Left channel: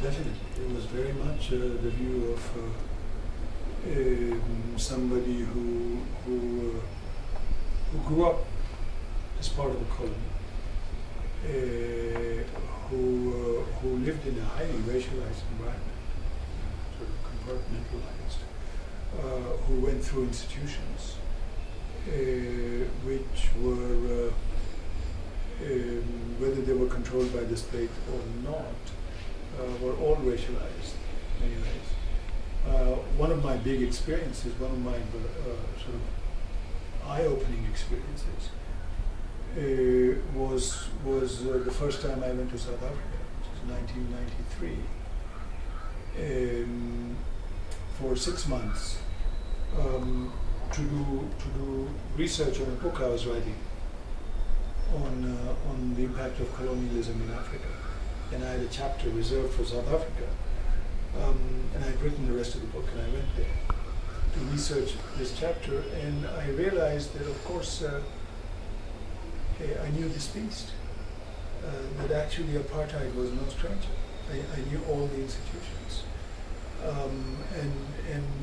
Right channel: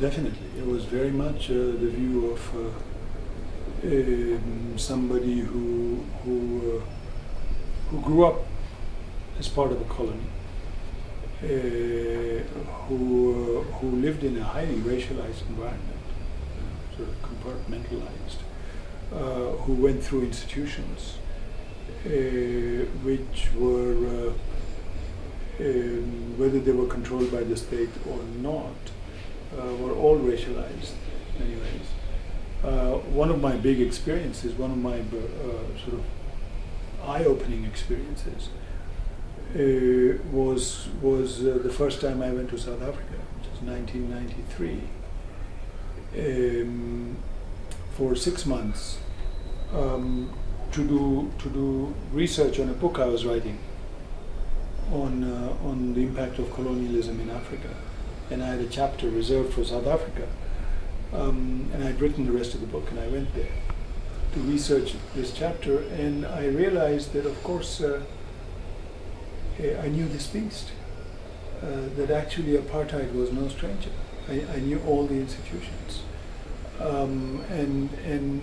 Definitely. It was very much the view of somebody who grew up as part of a colony, who lived in a highly racialized environment, sort of compartmentalized, who went through institutions which were, whether they were controlled by the state or not, were all racialized in many ways. One of my big experiences, one of my sort of eye-opening experiences, was the first time I went to South Africa, which was 1993, for 6 months, to do research on a book I was writing on the impact of colonialism in Africa. And I had a chapter reserved for South Africa, and I'd written the rest of the book, and I went there to research this chapter, and I realized that, of course, I knew this beast, that actually apartheid was no stranger. I knew all the institutions, and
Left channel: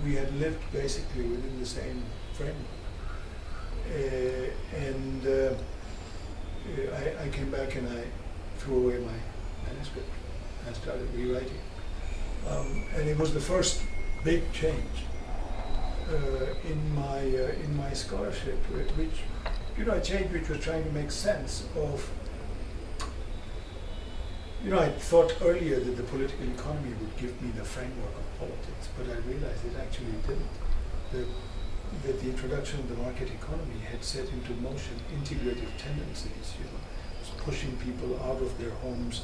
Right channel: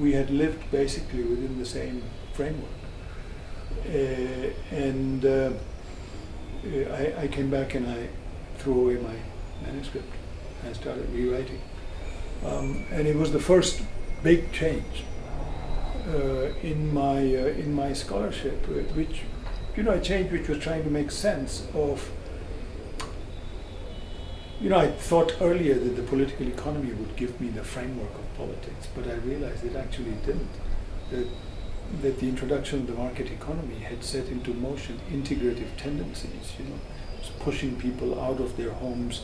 we had lived basically within the same framework. I came back and I threw away my manuscript and I started rewriting. And it was the first big change in my scholarship, which, a change which was trying to make sense of, I thought earlier that the political economy would give me the framework of politics, but I realized it actually didn't. That the introduction of the market economy had set into motion integrative tendencies, it was pushing people out of their homes,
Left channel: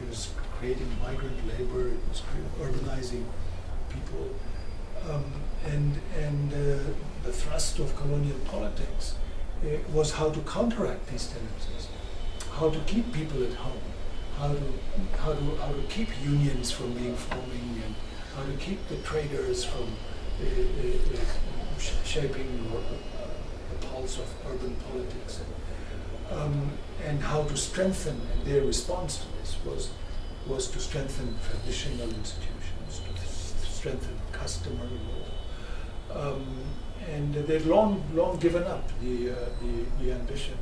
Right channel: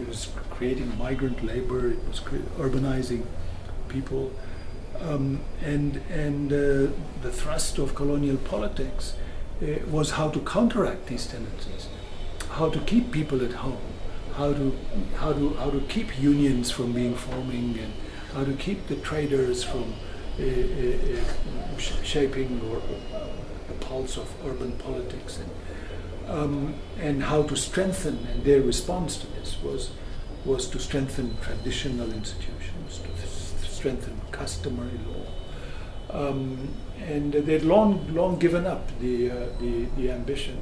it was creating migrant labor, it was urbanizing people, and the thrust of colonial politics was how to counteract these tendencies, how to keep people at home, how to keep unions from being forming, and how to keep the traders from shaping the pulse of urban politics, and how to strengthen. And their response to this was to strengthen traditional institutions, to strengthen customary law, and they'd long given up the ambition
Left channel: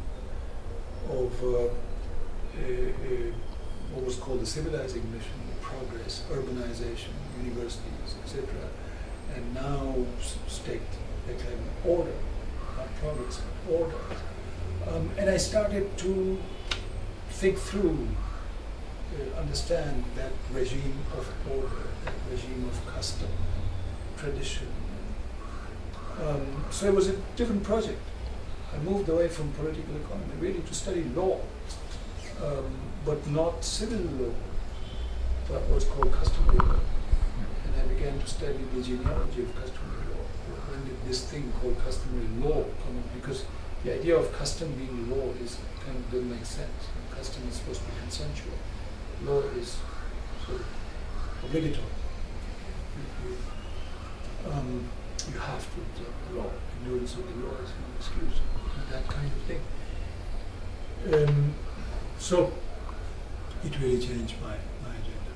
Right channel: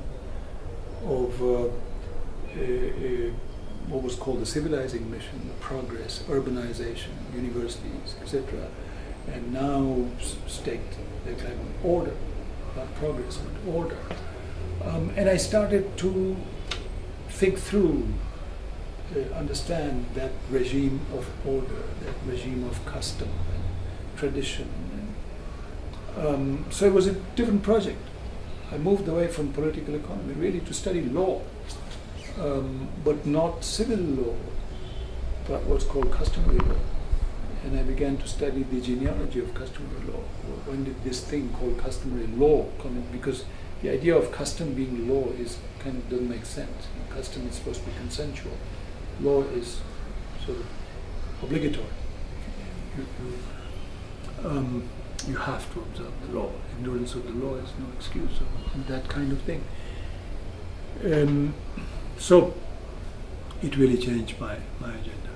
of what was called the civilizing mission, progress, urbanization, universities, etc. And now they claim order, not progress, but order. And I started to think through, understand that regime of order, that regime of custom and tradition. So it was a different project. I moved away from political economy really to study law, but not civil law, but what's called customary law. And I began to study the genealogy of customary law. When did this thing called customary law come in? Because the idea of custom being law doesn't make sense. Custom is supposed to be consensual. Law is sort of obligatory. You have to observe the law. Ignorance of the law is no excuse, and that kind of thing. So it really changed my agenda.